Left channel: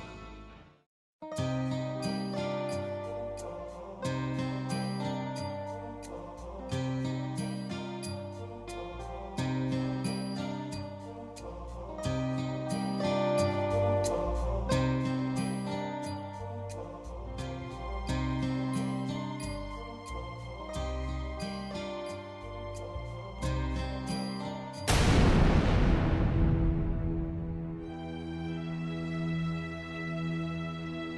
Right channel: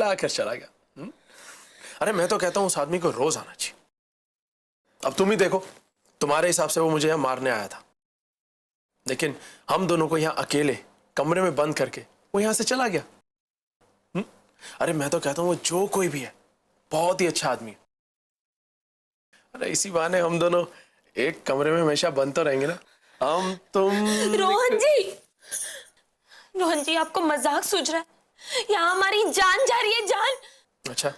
लाकर चला गया। अरे मैं तो कहता हूँ उस आदमी को रोज आना चाहिए। अब तुम ही देखो, तुम्हारे हिसाब से वो मुझे यहाँ मारने आया था, लेकिन हम दोनों को यहाँ अकेले कमरे में बंद करके वो यहाँ से चला गया। अरे मैं तो कहता हूँ वो जो कोई भी है बहुत ही अच्छा आदमी। अरे इसी बहाने हम दोनों एक कमरे में हमेशा बंद तो रहेंगे ना, हम तुम। रोहन जी आपको मजाक सूझ रहा है? यहाँ हमारी जान जा रही है, जान। अच्छा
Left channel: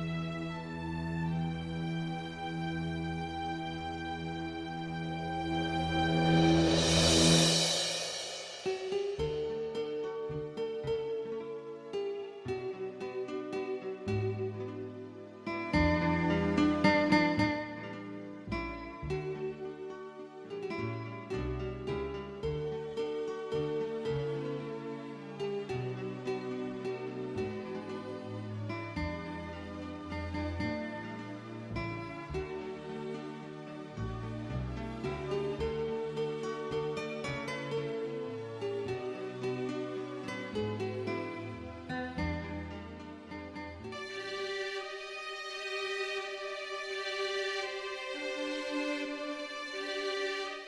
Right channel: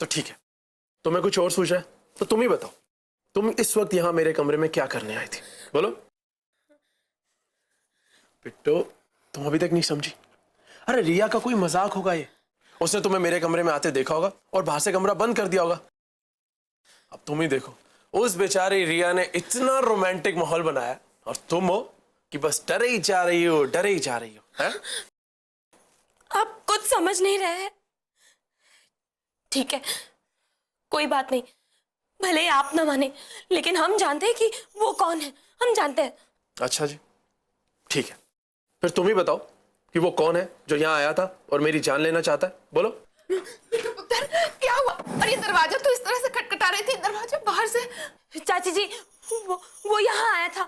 तो ठीक है, तुम्हें कुछ और सूझ रहा है तो तुम ही बताओ, तुम इस वक्त यहाँ मेरे कमरे में क्या करने आई थी, बोलो। बिट्टू तुम अभी तक नहीं समझी? अरे रिया का कोई मजाक होगा ये, उसने तुम्हें मेरे कमरे में आते देखा होगा और बाहर से कमरा बंद कर दिया होगा। तुम ही देखो, उस बेचारी रिया ने इतना रोमांटिक माहौल बनाया और तुम हो कि बस डरे ही जा रही हो, डरे ही जा रही हो। आप कुछ समझ नहीं रहे हैं। ठीक है, कोई बात नहीं, भले आप ना माने, लेकिन हम जानते हैं कि वो कौन है, हम जानते हैं। अच्छा जी, ठीक है, फिर तुम ही बताओ कि वो कौन है जो यहाँ आया था और मेरी जान लेना चाहता है, बोलो। क्या हुआ? और ये दरवाजा तो इस तरह से खटखटा रहे थे, दरवाजा बाहर से। चाची जी, वो यहाँ आया था।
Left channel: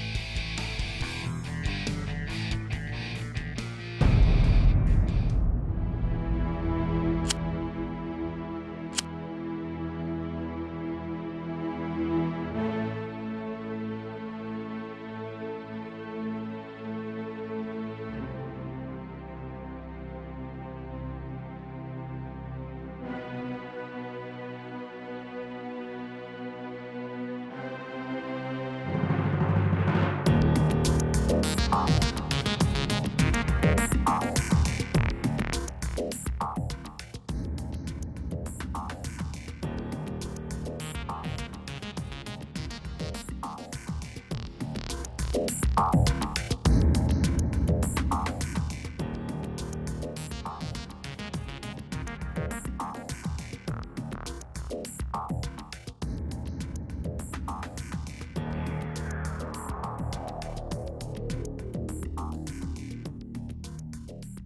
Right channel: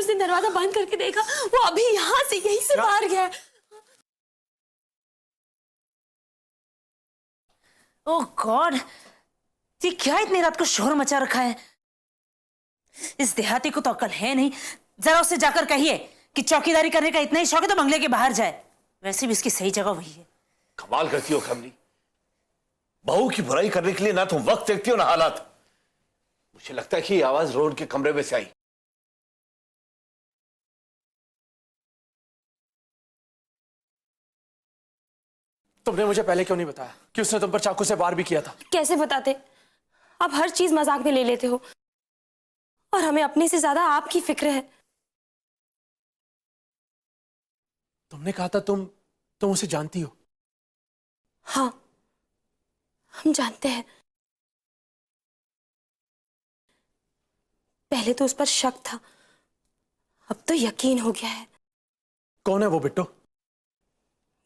उसने दरवाजा बंद करके देखा, वो अभी यहाँ से यहीं से बाहर गया। ओह गॉड, ये क्या इतनी रात को शोर मचा रखा है? इस देहाती को तो अक्ल है नहीं। जरा उससे जाकर कहिए कि चौकीदारी करने का इतना ही शौक है तो बंगले के बाहर जाए। वैसे भी इसकी सही जगह हुई। कमाल करती हो खमनी, बहू की बुराई करने के लिए ना तुम वक्त देखती हो ना हालात। मुझे लगता है कि ये आवाज रोड के कमरे में से आई। तुमने मुझे पहले क्यों नहीं बताया कि उसने तुम पर चाकू से वार भी किया था? कैसे बताते? आप हर चीज मजाक में ले लेते हो और हमें अपने से ज्यादा आपकी फिक्र है। मैं कहा था तुम उसे जानती हो। हाँ, हम जानते हैं। पहले तो उस पर शक था, अब तो यकीन हो गया है। कौन है वो बिट्टू?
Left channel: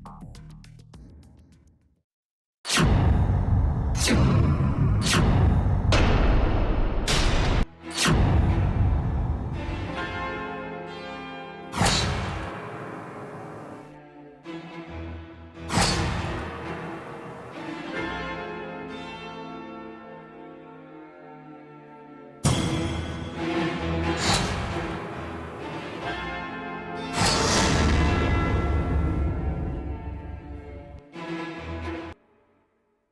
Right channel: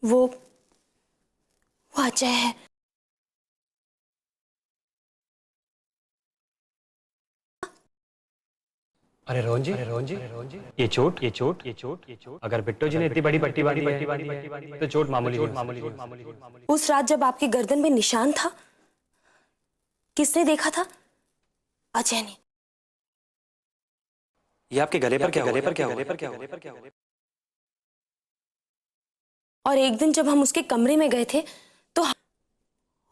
वो अजय है। अरे रोहन जी, ये चोट अगर बिट्टू जी ने इतनी बड़ी पट्टी बांधी है तो चोट मामूली। उस रात जब आपकी गर्दन में निशान था, किसने देखा था? अजय ने। ये आपके गले पर क्या? और एक दिन जब हम उसके कमरे में गए थे तो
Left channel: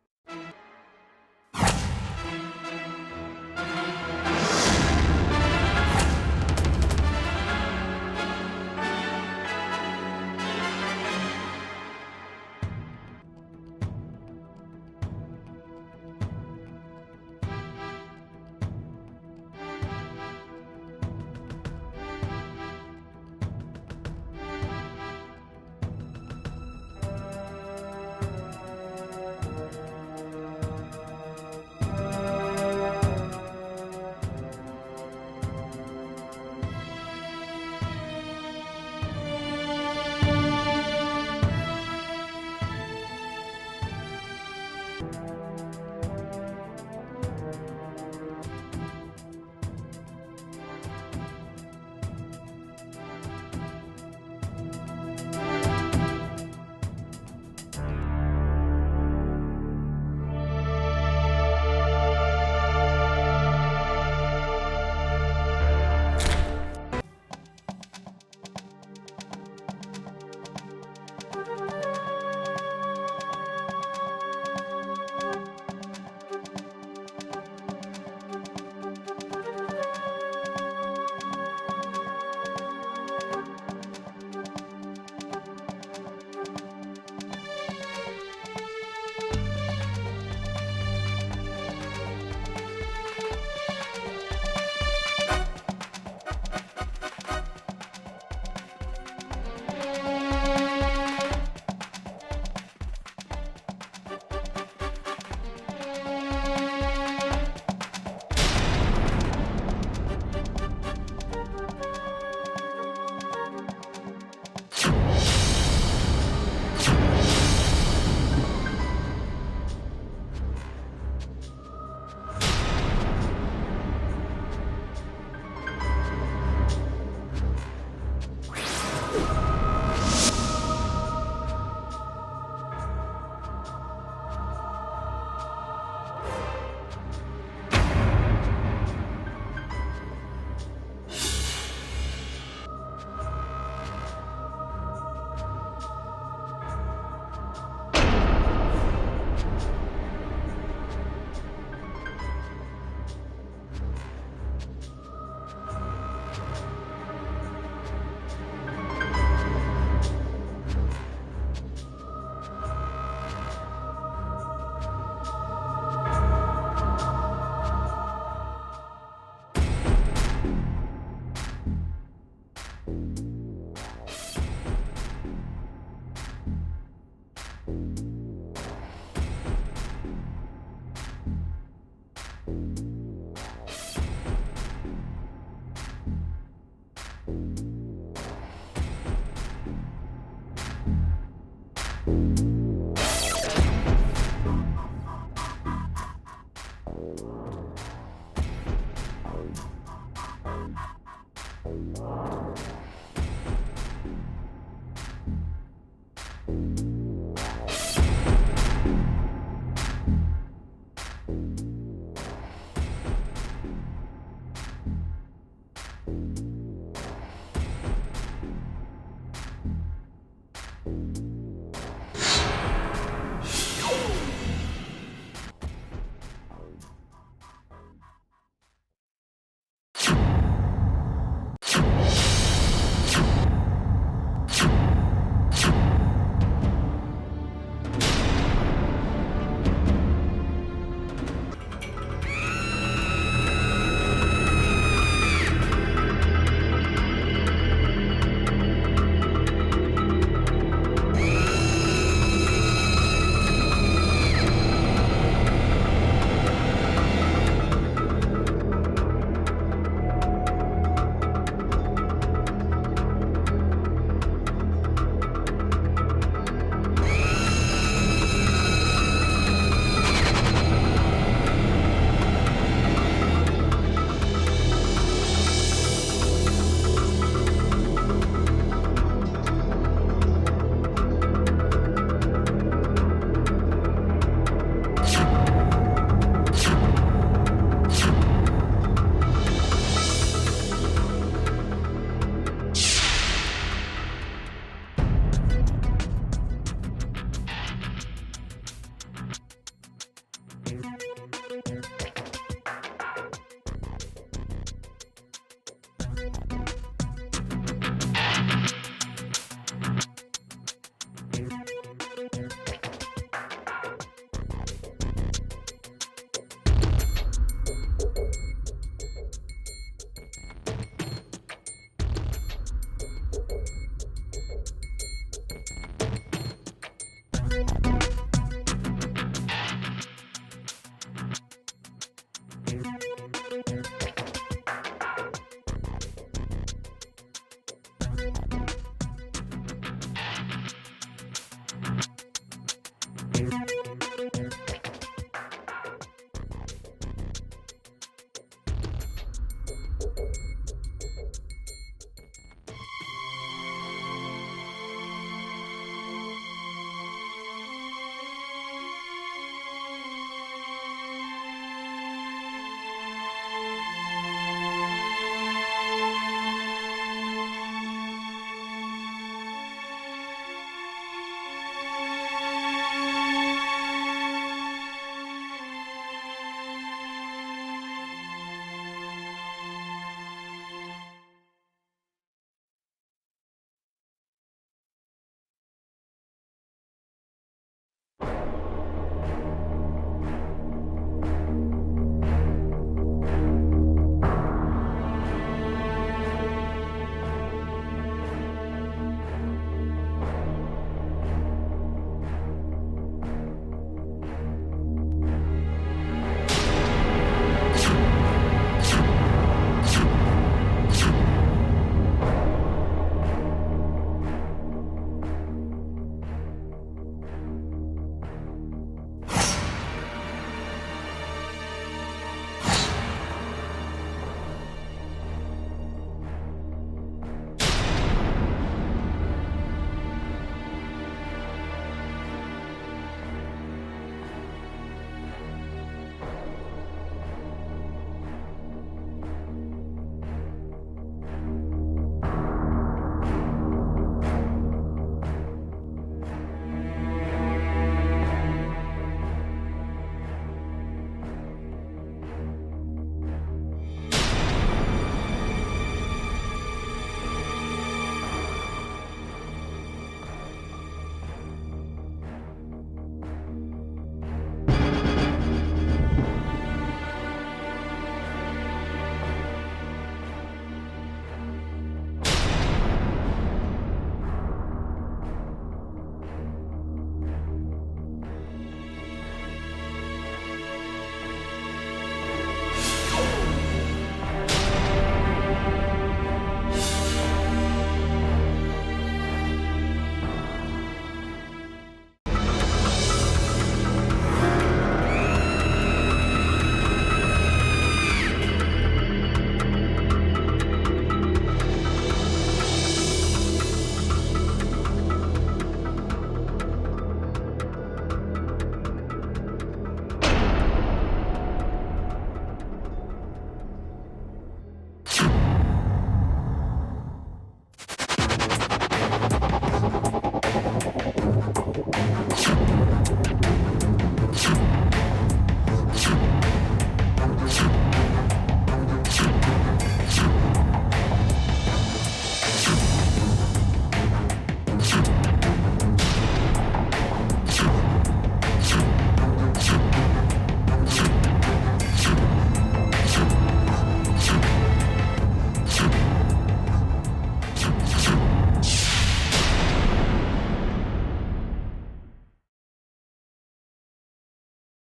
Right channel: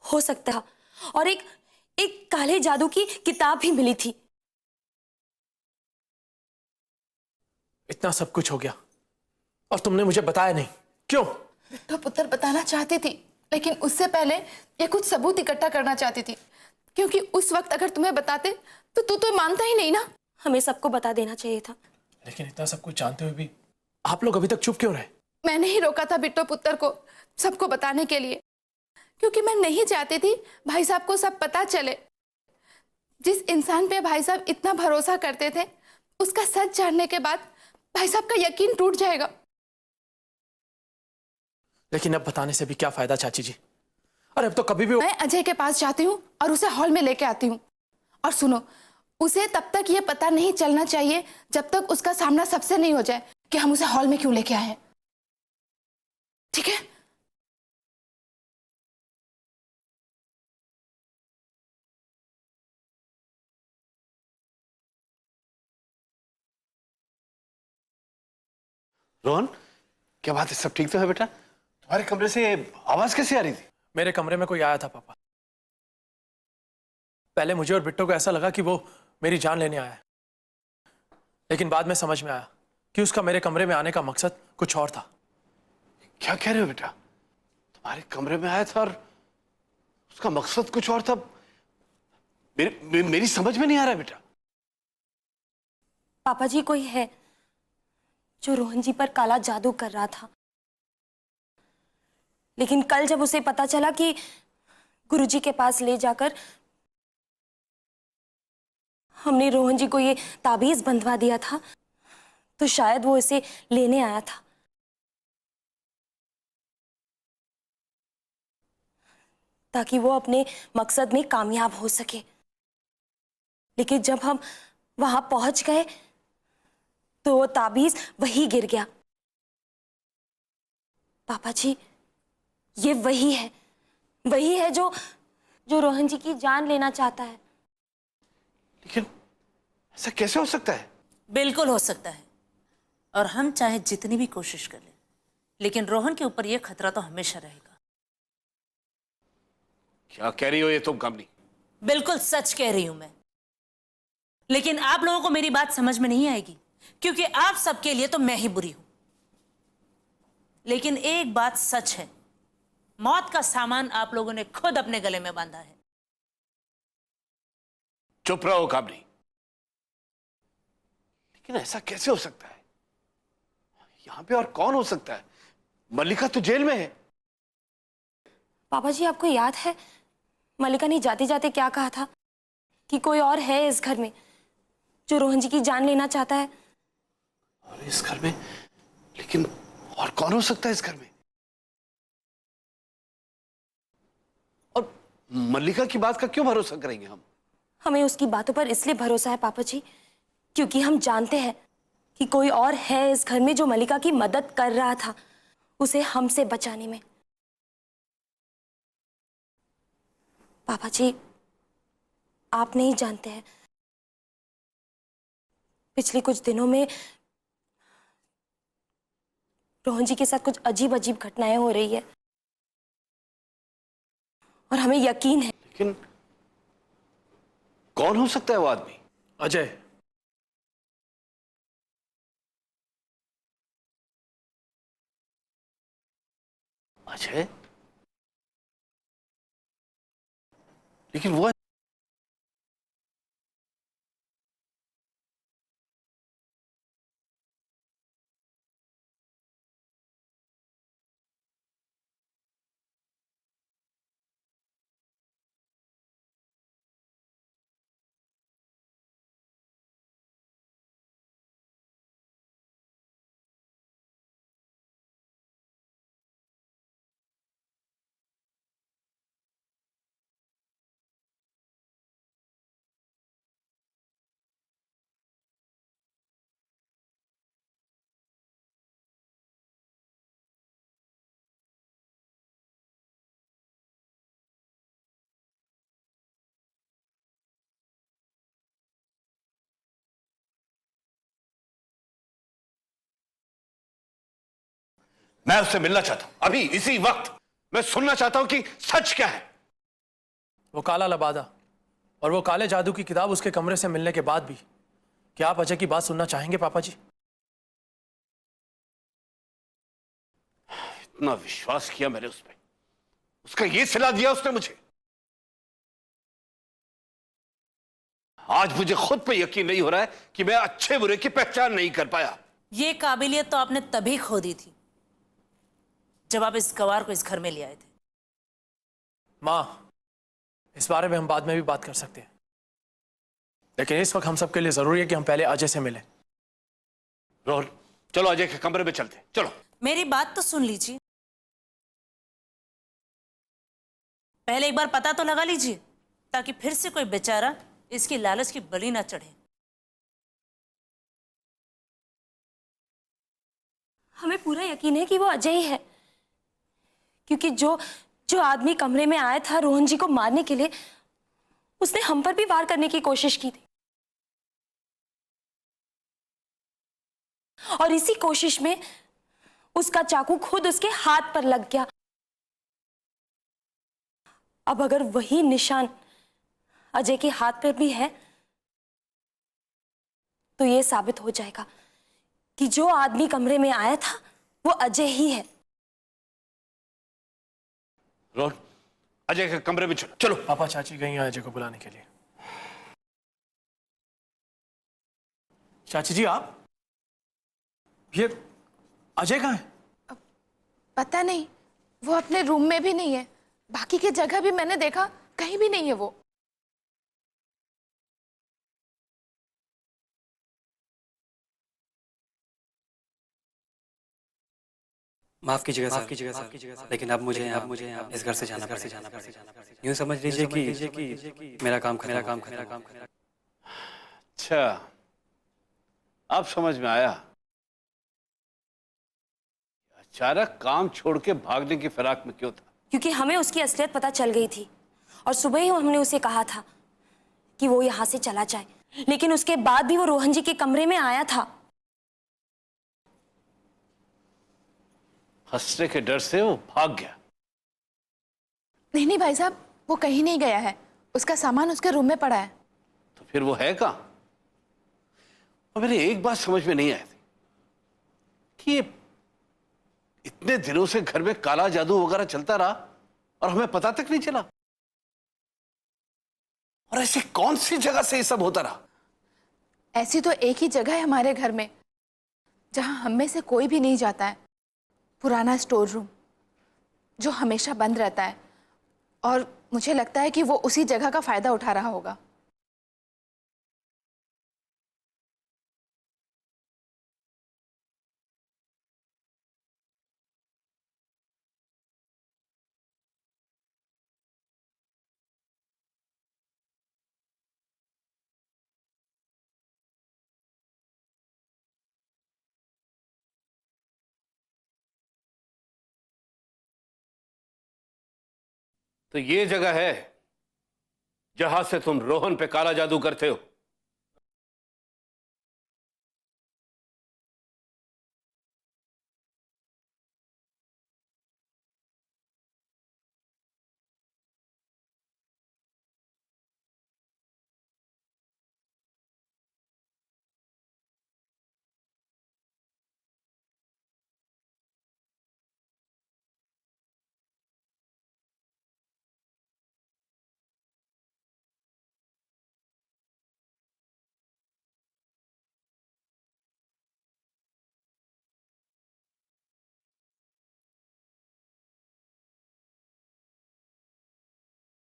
हो सकता है, और एक काले जादू की किताब भी मिली थी। इतना सब कुछ हो गया और तुमने मुझे बताया नहीं, क्यों? तो पुत्र बताना चाहती थी, लेकिन उससे पहले ये कुछ सबूत इकट्ठा करना चाहती थी, क्योंकि उस वक्त अगर तुम्हें बताते तो तू तो मानता ही नहीं ना। हमें सबको बता देना चाहिए था। लेकिन इतना सब कुछ जानते हुए भी आप लोग अभी तक चुप क्यों रहे? मैंने ही रोका था बिट्टो पुत्र को सबको बताने के लिए, क्योंकि मैं नहीं चाहती थी भाई साहब को सब पता चले। जिस इंसान पे भाई साहब इतना भरोसा करते थे, उसका सच जानने के बाद भाई साहब का यकीन टूट जाएगा। लेकिन अब बताने से भी क्या फायदा चाची जी? अरे अब तो कभी भी मैं अजय के पास जाती हूँ और उसे हॉल में लेके आती हूँ। और सुनो, उसे तब तक ये पता नहीं चलना चाहिए जब तक उसका सामना सबसे नहीं हो जाए कि हम उसे हॉल में क्यों लेके आए हैं। ठीक है? रोहन, क्या बात है? सब ठीक तो है बेटा? अरे कमरे से आवाज कैसे आ रही थी? मेरे कमरे में कोई आया था पापा। पहले मुझे और बिट्टो को ऐसा लगा कि वो मेरी जान लेने आया है। लेकिन बाद में समझ में आया कि उसका मेरे कमरे में आने का मकसद कुछ और था। क्या कह रहे हो बेटा? हमारे कमरे में आया था और उसका मकसद कुछ और था। मेरी समझ में नहीं आ रहा बेटा। पापा जी, कोई है जो रोहन जी पर काला जादू कर रहा था। लेकिन कल जब उसे पता चला कि गुरुजी के पास ले जाकर हमने रोहन जी को ये ताबीज बंधवा दिया था, तो शायद वो इसे लेने आया था। ताकि वो अपने मकसद में कामयाब हो सके। लेकिन जब हम वहां पहुंच गए तो वो ताबीज वही गिर गया। पापा जी, ये वही है जो रोहन जी की जान लेना चाहता है। लेकिन ऐसा कैसे हो सकता है? बिल्कुल हो सकता है, और हम चाहे जितनी भी कोशिश करें, लेकिन रोहन के ऊपर यह खतरा तो हमेशा रहेगा। क्या कह रही हो ये तुम कमली? बिल्कुल सच कह रही हूं मैं। लेकिन आप लोगों को मेरी बात समझ में नहीं आएगी, क्योंकि आप सबके लिए तो मैं ही बुरी हूं। लेकिन एक बात सच है, मौत का सामान आप लोगों ने खुद अपने गले में बांधा है। चुप रहो काबली। ऐसा कैसे हो सकता है? यहाँ पे और कौन हो सकता है? मल्लिका तो जेल में है। पापा जी, आपको याद है मल्लिका ने जाते जाते क्या कहा था? कि कोई और है इस घर में जो रोहन जी की जान लेना चाहता है। और इस घर में? लेकिन और कौन हो सकता है इस घर में? और मल्लिका की बात का क्यों भरोसा करेंगे हम? हमें उसकी बातों पर इसलिए भरोसा है पापा जी, क्योंकि हम जानते हैं कि कोई और है इस घर में जो मल्लिका की मदद कर रहा था उसे हमसे बचाने में। पापा जी, आप नहीं जानते हैं, पिछले कुछ दिनों में रोहन जी के साथ कुछ अजीब अजीब घटनाएं हो रही है, और हमें यकीन है। लेकिन कौन हो सकता है वो आदमी? अजय। अजय? लेकिन वो मैं उससे मिलना चाहता हूं अभी इसी वक्त। मैं सुनना चाहता हूं कि सच क्या है। वो काला लबादा और वो काले जादू की किताब उसके कमरे से मिलने के बाद भी क्या आप अजय की बात सुनना चाहेंगे पापा जी? इतना विश्वास किया मैंने उसमें, उसका ये सिला दिया उसने मुझे। आज मुझे खुद पे यकीन नहीं हो रहा है कि मैं अच्छे बुरे की पहचान नहीं कर पाया। ये काबिलियत तो आपने तभी खो दी थी जब आप इस गवार को इस घर में ले आए। माँ, इस बारे में हम बाद में भी बात कर सकते हैं, लेकिन इस वक्त हम सबके लिए जरूरी है कि हम पहले अजय से मिलें। रोहन, चलो अजय के कमरे में चलते हैं, चलो। मेरी बात तो सुन लीजिए, पहले एक बार पता तो लगा लीजिए, ताकि फिर से कोई बेचारा इसकी लालच की बलि ना चढ़े। हमें पूरा यकीन है कि वो अजय ही है, क्योंकि जो आदमी कमरे में आया था रोहन जी को मारने के लिए, उसने हम पर भी वार करने की कोशिश की, और इसी कोशिश में उसका चाकू खुद उसके हाथ पर लग गया। अब अगर वही निशान अजय के हाथ पर भी है, तो ये साबित हो जाएगा कि जो आदमी कमरे में आया था वो अजय ही है। रोहन, अजय के कमरे में चलो। पापा चाची गई हैं अजय को बुलाने के लिए। चाची जी आप, ये अजय कहाँ है? पता नहीं, वो अपने रूम में भी नहीं है। बाकी की जगह भी मैंने देखा, कहीं भी नहीं है वो। माफ कीजिएगा सर, लेकिन अब मुझे इस घर से जाना पड़ेगा। यूँ समझ लीजिए कि मेरा काम। अच्छा, अब समझ में आया। अचानक काम छोड़ के भागने की फिराक में क्यों था? क्योंकि हमें उसकी असलियत पता चल गई थी और सुबह ही हमने उसे कहा था कि वो यहाँ से चला जाए, लेकिन उसके बाद भी वो रोहन जी के कमरे में आया था। फंसने के डर से वो भाग गया। नहीं भाई साहब, वो कहीं नहीं गया है। उसका सामान उसके रूम में पड़ा है। तो फिर वो है कहाँ? तो मेरी एक बात समझ में नहीं आई, ये इतने दिनों से घर में काला जादू वगैरह चलता रहा और हमें पता तक नहीं चला। और ऐसी कौन सी जगह से ये सब होता रहा? ऐसी तो एक ही जगह है हमारे घर में जहां हम में से कोई भी नहीं जाता है। पुराना स्टोर रूम जो हमेशा बंद रहता है, और मुझे लगता है कि वो उसी जगह का फायदा उठा रहा होगा। तो ये जगह है जहां से तुम रोहन पे काला जादू करते हो।